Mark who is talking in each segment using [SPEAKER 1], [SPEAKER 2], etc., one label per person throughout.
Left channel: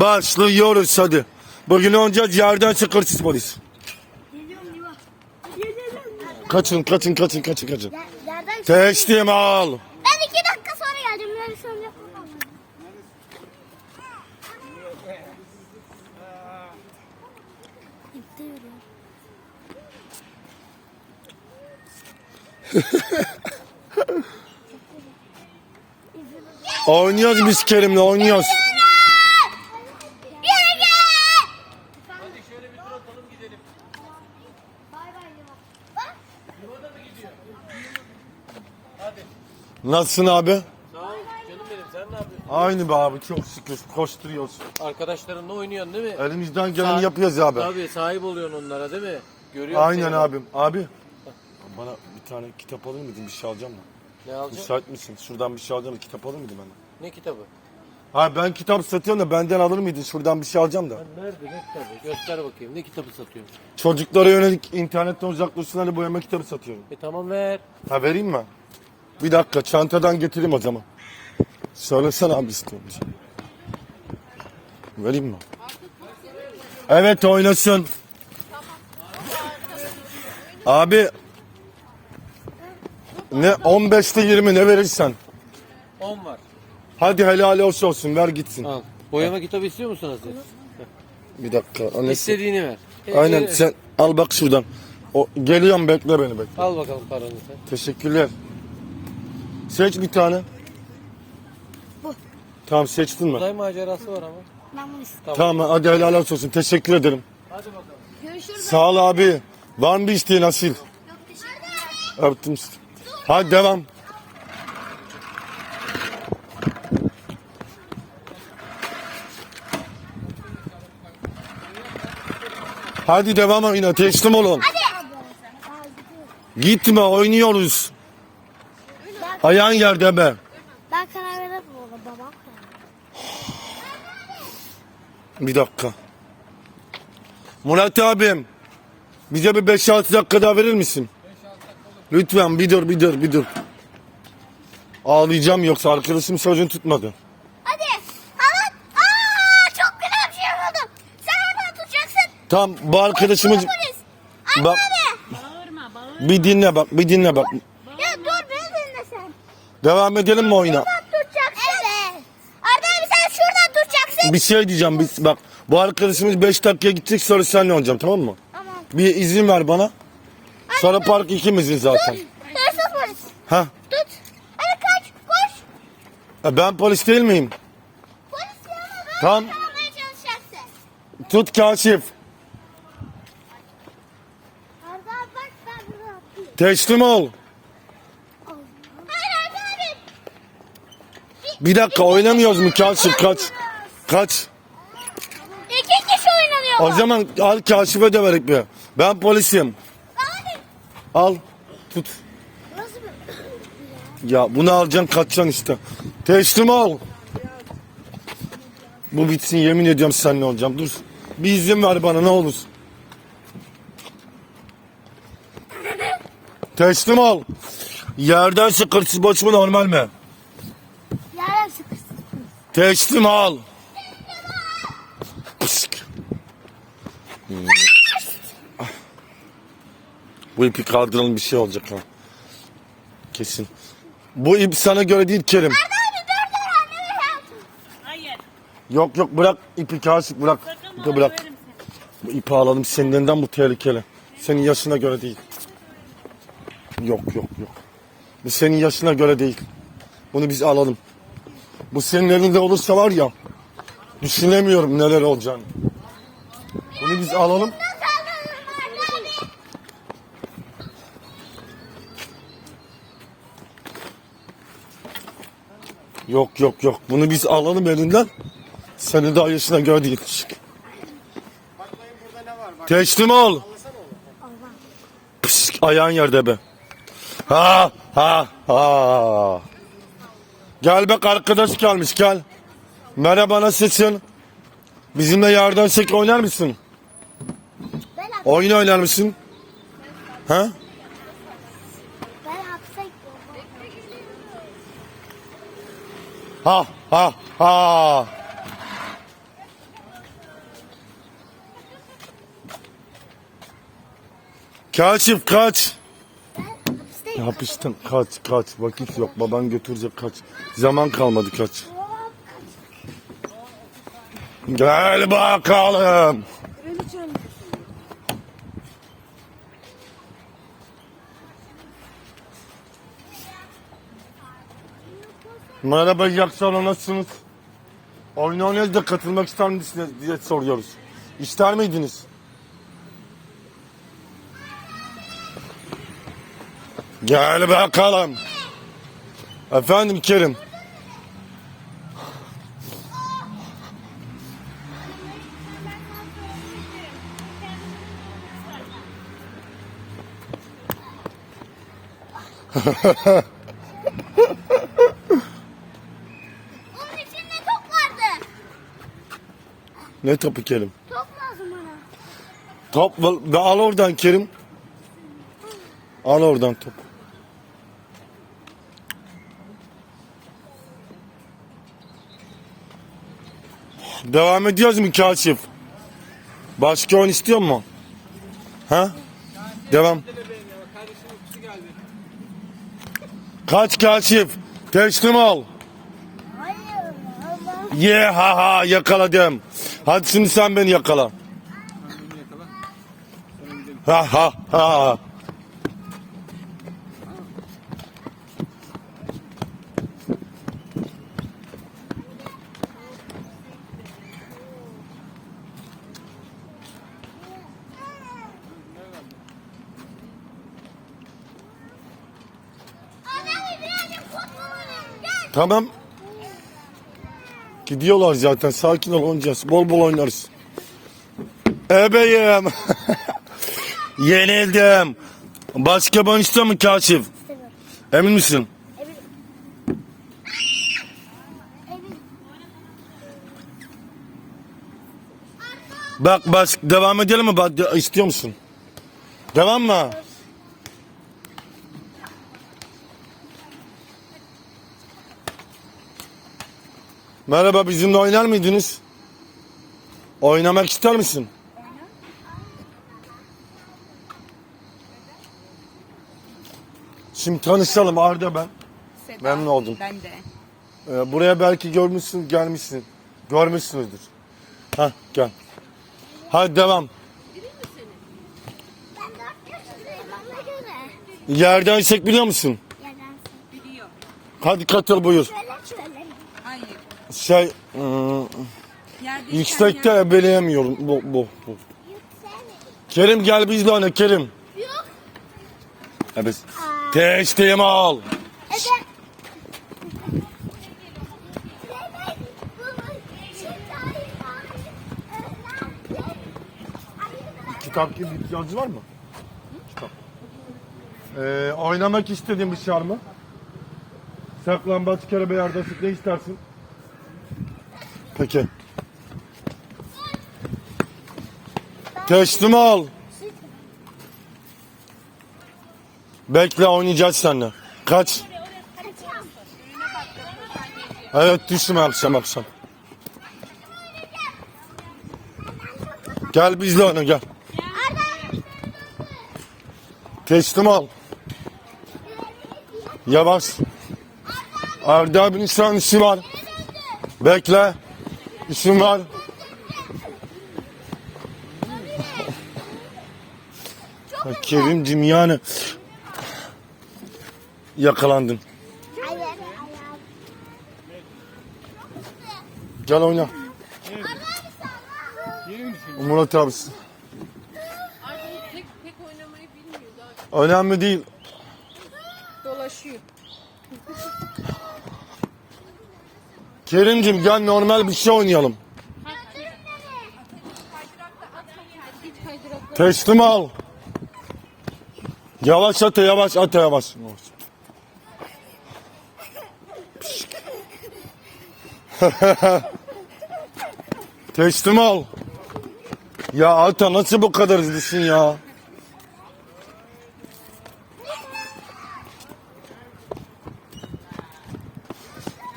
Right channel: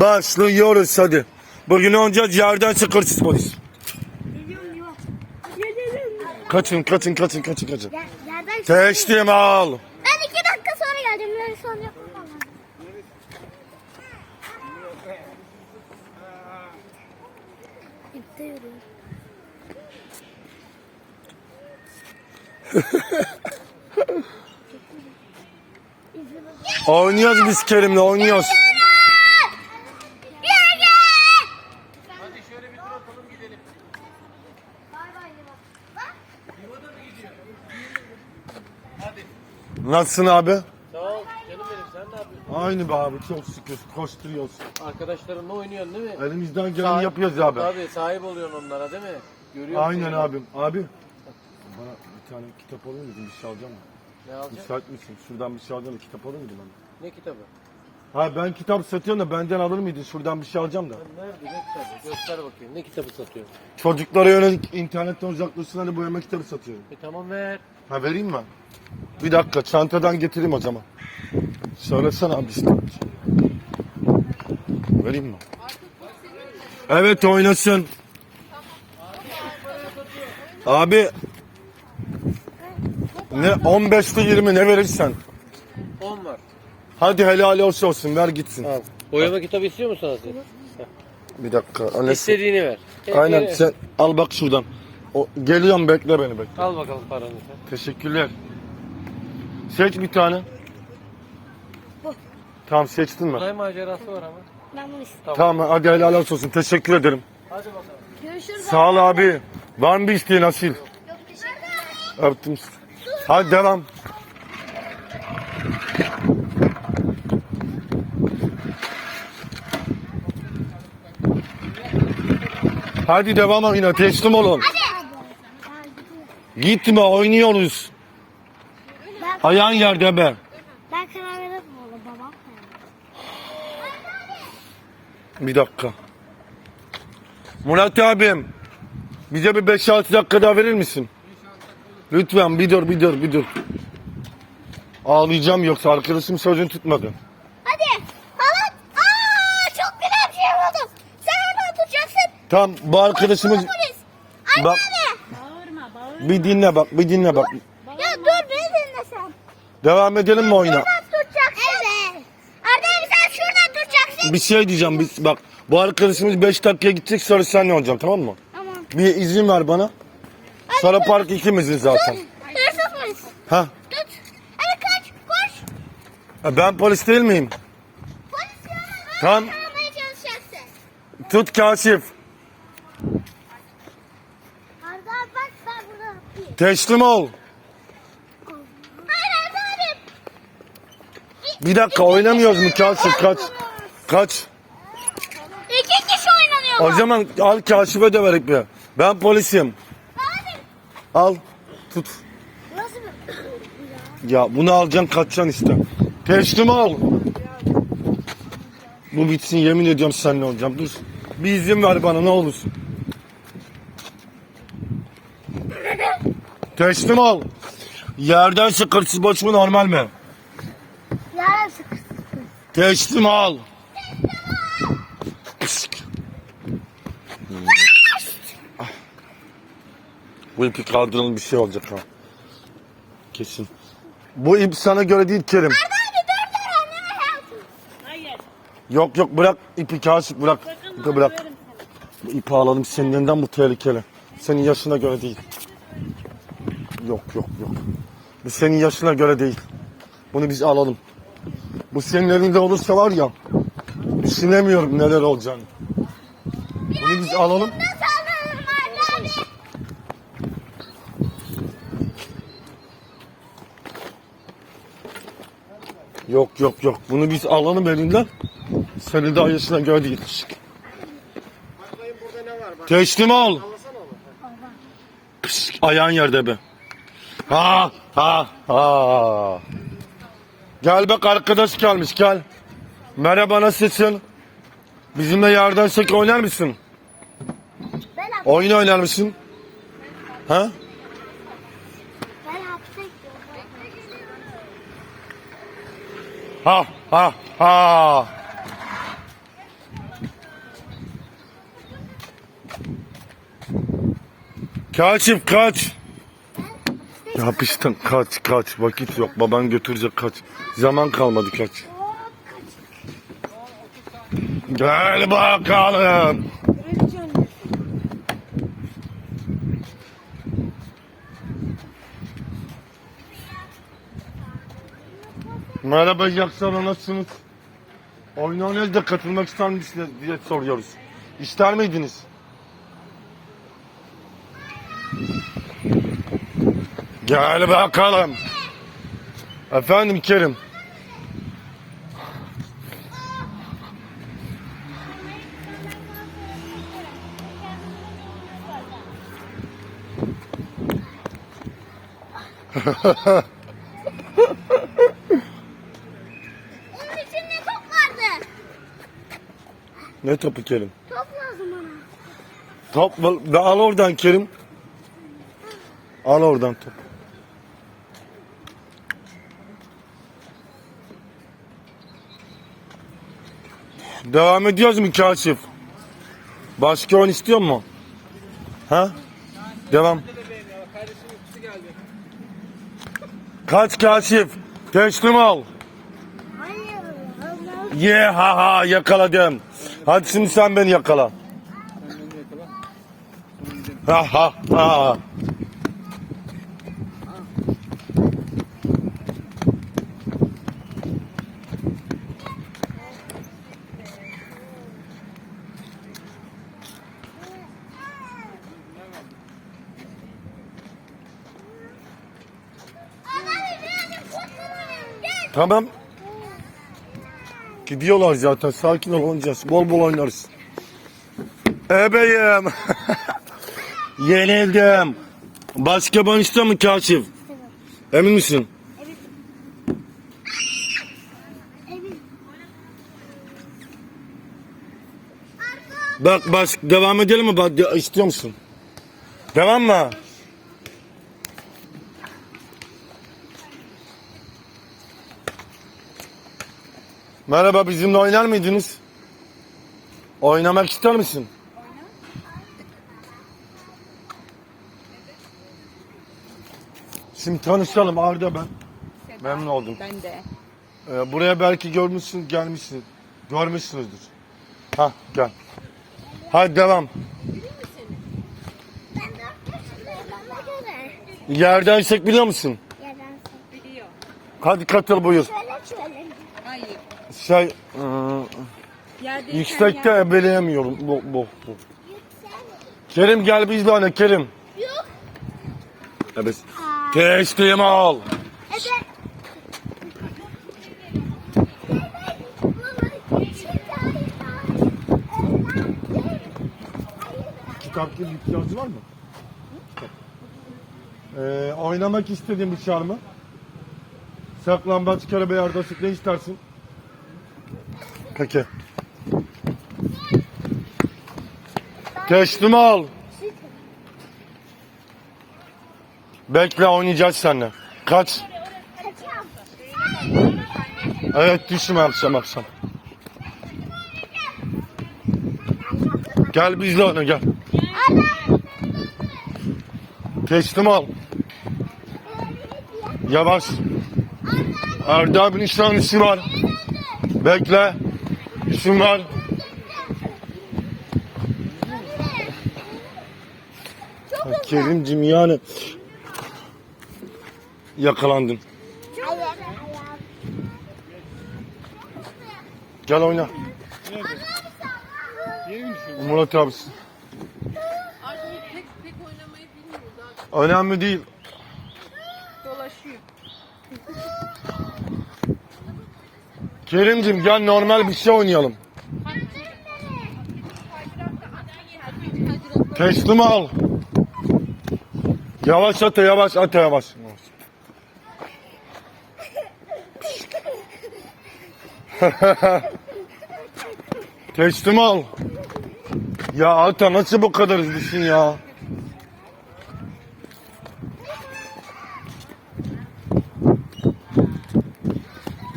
[SPEAKER 1] Başlıyoruz hadi. Bugün oynayacağız yerden sıkırsız polis. Kaçın kaçın kaçın kaçın kaçın.
[SPEAKER 2] Yerden
[SPEAKER 1] Teslim al.
[SPEAKER 2] Ben iki dakika sonra geleceğim. Ben son yapamam.
[SPEAKER 1] Oynuyoruz biz Kerim'le oynuyoruz.
[SPEAKER 3] Hadi şöyle bir tur atalım gidelim.
[SPEAKER 2] Bay bay Liva. Bak.
[SPEAKER 3] Hadi.
[SPEAKER 1] Nasılsın abi?
[SPEAKER 3] Sağ ol canım benim sen ne yapıyorsun?
[SPEAKER 1] Aynı be abi çok şükür koşturuyoruz.
[SPEAKER 3] Arkadaşlarınla oynuyorsun değil mi?
[SPEAKER 1] Elimizden geleni yapıyoruz abi.
[SPEAKER 3] Tabii sahip oluyorsun onlara değil mi? Görüyorum
[SPEAKER 1] Aynen
[SPEAKER 3] seni.
[SPEAKER 1] abim. Abi. Bana bir tane kitap alır mıydın? Bir şey alacağım mı?
[SPEAKER 3] Ne alacaksın?
[SPEAKER 1] Müsait misin? Şuradan bir şey alacağım da kitap alır mıydın bana?
[SPEAKER 3] Ne kitabı?
[SPEAKER 1] Ha ben kitap satıyorum da benden alır mıydın? Şuradan bir şey alacağım da.
[SPEAKER 3] Nerede ne kitabı? Göster bakayım. Ne kitabı satıyorsun?
[SPEAKER 1] Çocuklara yönelik internetten uzaklaşsınlar boyama kitabı satıyorum.
[SPEAKER 3] E tamam ver.
[SPEAKER 1] Ha vereyim mi? Bir dakika çantadan getireyim o zaman. Söylesene abi işte. Vereyim mi? Evet oynasın. Abi ne 15'te 20 ne verirsen.
[SPEAKER 3] 10 var.
[SPEAKER 1] Hadi helal olsun olsun ver gitsin.
[SPEAKER 3] Al. Boyama kitabı istiyor musun Aziz?
[SPEAKER 1] Bir dakika. Annesi.
[SPEAKER 3] İstediğini ver.
[SPEAKER 1] Aynen sen al bak şuradan. O, geliyorum bekle beni bekle.
[SPEAKER 3] Al bakalım paranı.
[SPEAKER 1] Teşekkürler. Seç bir tane.
[SPEAKER 2] Bu.
[SPEAKER 1] Tamam seçtin mi?
[SPEAKER 3] Uzay macerası var ama.
[SPEAKER 2] Ben bunu istiyorum.
[SPEAKER 3] Tamam.
[SPEAKER 1] Tamam hadi helal olsun. Teşekkür ederim.
[SPEAKER 3] Hadi bakalım.
[SPEAKER 2] Görüşürüz.
[SPEAKER 1] Sağ ol abi. Var mı bir isteğin Asil?
[SPEAKER 2] Yok teşekkürler.
[SPEAKER 1] Öptüm. Hadi devam. Hadi devam yine teslim olun. Gitme oynuyoruz. Ayağın yerde be.
[SPEAKER 2] ben karar veririm oğlum babam.
[SPEAKER 1] Bir dakika. Murat abim. Bize bir 5-6 dakika daha verir misin? Lütfen bir dur bir dur bir dur. Ağlayacağım yoksa arkadaşım sözünü tutmadı.
[SPEAKER 2] Hadi. Aman. Aa, çok güzel bir şey buldum. Sen oradan tutacaksın.
[SPEAKER 1] Tamam bu arkadaşımız
[SPEAKER 2] Polis. Anne
[SPEAKER 1] Bak-
[SPEAKER 2] abi.
[SPEAKER 1] bir dinle bak bir dinle bak.
[SPEAKER 2] Ya dur beni dinle sen.
[SPEAKER 1] Devam edelim mi oyuna?
[SPEAKER 2] Evet. Arda abi sen şuradan tutacaksın.
[SPEAKER 1] Bir şey diyeceğim biz bak. Bu arkadaşımız 5 dakikaya gidecek sonra senle olacağım tamam mı?
[SPEAKER 2] Tamam.
[SPEAKER 1] Bir izin ver bana. Sonra park ikimizin zaten.
[SPEAKER 2] Hırsız polis.
[SPEAKER 1] Ha?
[SPEAKER 2] Tut. Hadi kaç. Koş.
[SPEAKER 1] e Ben polis değil miyim?
[SPEAKER 2] Polis yanına böyle
[SPEAKER 1] Tamam.
[SPEAKER 2] çalışacaksın.
[SPEAKER 1] Tut kaşif.
[SPEAKER 2] Arda abi bak ben burada atlayayım.
[SPEAKER 1] Teslim ol.
[SPEAKER 2] Hayır Arda abi.
[SPEAKER 1] Bir dakika oynamıyoruz mu kaşif kaç. Kaç.
[SPEAKER 2] İki kişi oynanıyor.
[SPEAKER 1] O zaman al kaşife de verek bir. Ben polisim. Al. Tut. Ya bunu alacaksın kaçacaksın işte. Teslim ol. Bu bitsin yemin ediyorum seninle olacağım. Dur. Bir izin ver bana ne olursun. Teslim ol. Yerden sıkırsız boş mu normal mi? Teslim ol. Bu ipi kaldıralım bir şey olacak ha. Kesin. Bu ip sana göre değil Kerim. Yok yok bırak ipi kaşık bırak. İpi bırak. Bu ipi alalım senin elinden bu tehlikeli. Senin yaşına göre değil. Yok yok yok. Bu senin yaşına göre değil. Bunu biz alalım. Bu senin elinde olursa var ya düşünemiyorum neler olacağını. Bunu biz alalım. Yok yok yok. Bunu biz alalım elinden. Senin daha yaşına göre değil. Teslim ol. Pişt, ayağın yerde be. Ha ha ha. Gel bak arkadaş kalmış gel. Merhaba nasılsın? Bizimle yardan çek oynar mısın?
[SPEAKER 2] Ben
[SPEAKER 1] Oyun oynar mısın? Ha?
[SPEAKER 2] ben
[SPEAKER 1] Ha ha ha. Kaşif kaç. Yapıştın kaç kaç vakit yok baban götürecek kaç. Zaman kalmadı kaç. Gel bakalım. Merhaba iyi akşamlar nasılsınız? Oyun oynayız da katılmak ister misiniz diye soruyoruz. İster miydiniz? Gel bakalım. Efendim Kerim.
[SPEAKER 2] Onun içinde top vardı.
[SPEAKER 1] Ne topu Kerim?
[SPEAKER 2] Top lazım bana.
[SPEAKER 1] Top al oradan Kerim. Al oradan top. Devam ediyoruz mu Kaşif? Başka oyun istiyor mu? He? Devam. Kaç Kaşif? Teslim.
[SPEAKER 2] Allah.
[SPEAKER 1] Ye ha ha yakaladım. Hadi şimdi sen beni yakala. Ha ha ha. Tamam. Gidiyorlar zaten. Sakin ol oynayacağız. Bol bol oynarız. Ebeyim. Yenildim. Ben istiyor mu Kaşif? Emin misin?
[SPEAKER 2] Emin.
[SPEAKER 1] Bak bak devam edelim mi? Bak, de- istiyor musun? Devam mı? Merhaba bizimle oynar mıydınız? Oynamak ister misin? Şimdi tanışalım Arda ben. Memnun oldum.
[SPEAKER 4] Ben de.
[SPEAKER 1] Ee, buraya belki görmüşsün, gelmişsin. Görmüşsünüzdür. Ha gel. Hadi devam. Yerden çek biliyor musun? Hadi katıl buyur.
[SPEAKER 2] Şöyle şöyle.
[SPEAKER 1] Şey ıı, yüksekte
[SPEAKER 4] yer-
[SPEAKER 1] ebeleyemiyorum. Bu, bu, bu. Kerim gel bizle oyna Kerim.
[SPEAKER 2] Yok.
[SPEAKER 1] Evet. Teslim ol.
[SPEAKER 2] Evet.
[SPEAKER 1] Kitap gibi ihtiyacı var mı? Kitap. Ee, oynamak istediğin bir şey var mı? Saklambaç, karabey, ardasık ne istersin? Peki. Teslim ol. Bekle oynayacağız seninle. Kaç. Evet düşme akşam akşam. Gel bizle oyna gel. Teslim ol. Yavaş. Arda abinin şu an işi var. Bekle. İşim var. Ya Kerimcim yani yakalandın. Gel oyna. Murat abisi.
[SPEAKER 4] Artık pek pek oynamayı bilmiyor daha
[SPEAKER 1] Önemli değil. Kerimcim gel normal bir şey oynayalım. Teslim ol. Yavaş at yavaş at yavaş. Teslim ol. Ya Ata nasıl bu kadar hızlısın ya?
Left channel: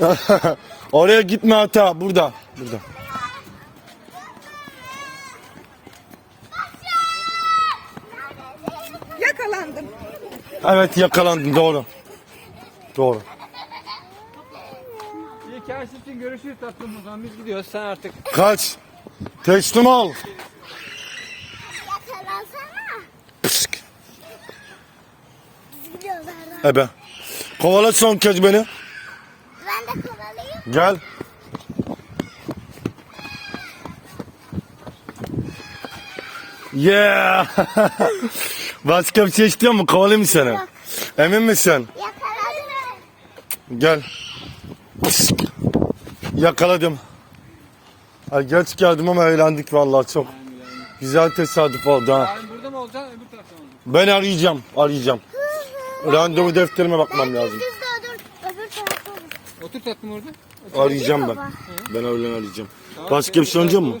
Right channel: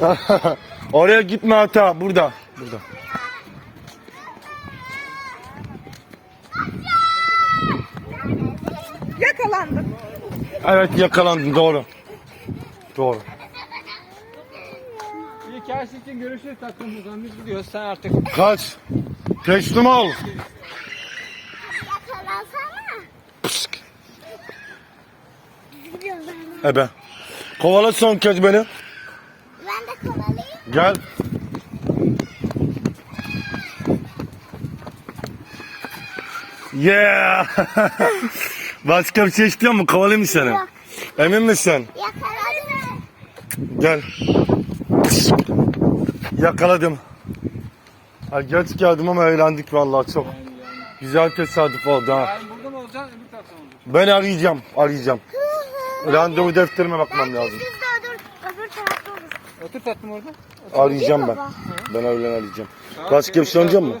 [SPEAKER 1] Oraya gitme Ata burada. Burada. Evet yakalandın doğru. Doğru.
[SPEAKER 4] İyi ki her şey için görüşürüz tatlım. O zaman biz gidiyoruz. Sen artık
[SPEAKER 1] Kaç. Teslim ol.
[SPEAKER 2] Yakalansana. Biz gidiyoruz.
[SPEAKER 1] Ebe. Kovala son kez beni. Gel. Yeah. Başka bir şey istiyor mu? Kovalayayım mı seni?
[SPEAKER 2] Yok.
[SPEAKER 1] Emin misin?
[SPEAKER 2] Yakaladım.
[SPEAKER 1] Gel. Yakaladım. Ay geç geldim ama eğlendik vallahi çok. Güzel tesadüf oldu ha.
[SPEAKER 4] burada mı olacaksın öbür tarafta mı olacaksın?
[SPEAKER 1] Ben arayacağım, arayacağım. Randevu defterime bakmam lazım.
[SPEAKER 2] Düz de öbür, öbür tarafta
[SPEAKER 4] Otur tatlım orada.
[SPEAKER 1] Arayacağım ben. Ben öğlen arayacağım. Başka bir şey oynayacak mı?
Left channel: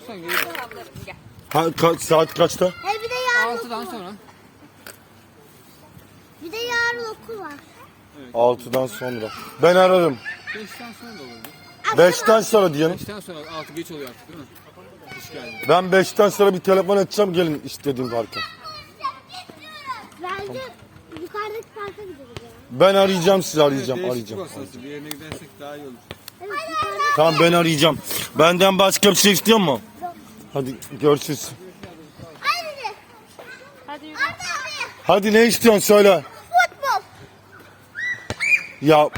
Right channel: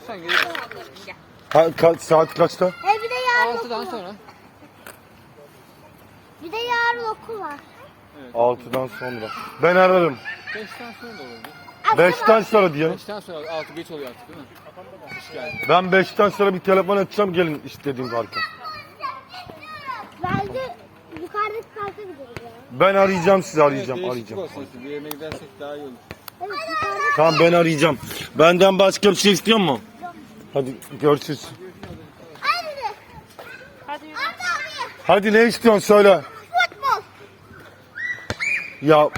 [SPEAKER 1] Ha, ka- saat kaçta?
[SPEAKER 2] Hey bir de yarın
[SPEAKER 4] Altıdan
[SPEAKER 2] okul var.
[SPEAKER 4] sonra.
[SPEAKER 2] Bir de yarın okul var.
[SPEAKER 1] 6'dan sonra. Ben ararım.
[SPEAKER 4] Beşten sonra da olabilir.
[SPEAKER 1] 5'ten sonra diyelim.
[SPEAKER 4] Beşten sonra altı geç oluyor artık değil mi? Hoş geldin.
[SPEAKER 1] Ben 5'ten sonra bir telefon açacağım gelin istediğim parka.
[SPEAKER 2] Bence yukarıdaki parka gideriz ya.
[SPEAKER 1] Ben arayacağım sizi arayacağım
[SPEAKER 4] Evet,
[SPEAKER 1] arayacağım.
[SPEAKER 4] değişiklik olsun. Bir yerine gidersek daha iyi olur.
[SPEAKER 2] Evet yukarıda.
[SPEAKER 1] Tamam ben arayacağım. Benden başka bir şey istiyor mu? Hadi görüşürüz.
[SPEAKER 2] Hadi.
[SPEAKER 5] Hadi yürü.
[SPEAKER 2] Hadi.
[SPEAKER 1] Hadi ne istiyorsun söyle.
[SPEAKER 2] Futbol.
[SPEAKER 1] Ya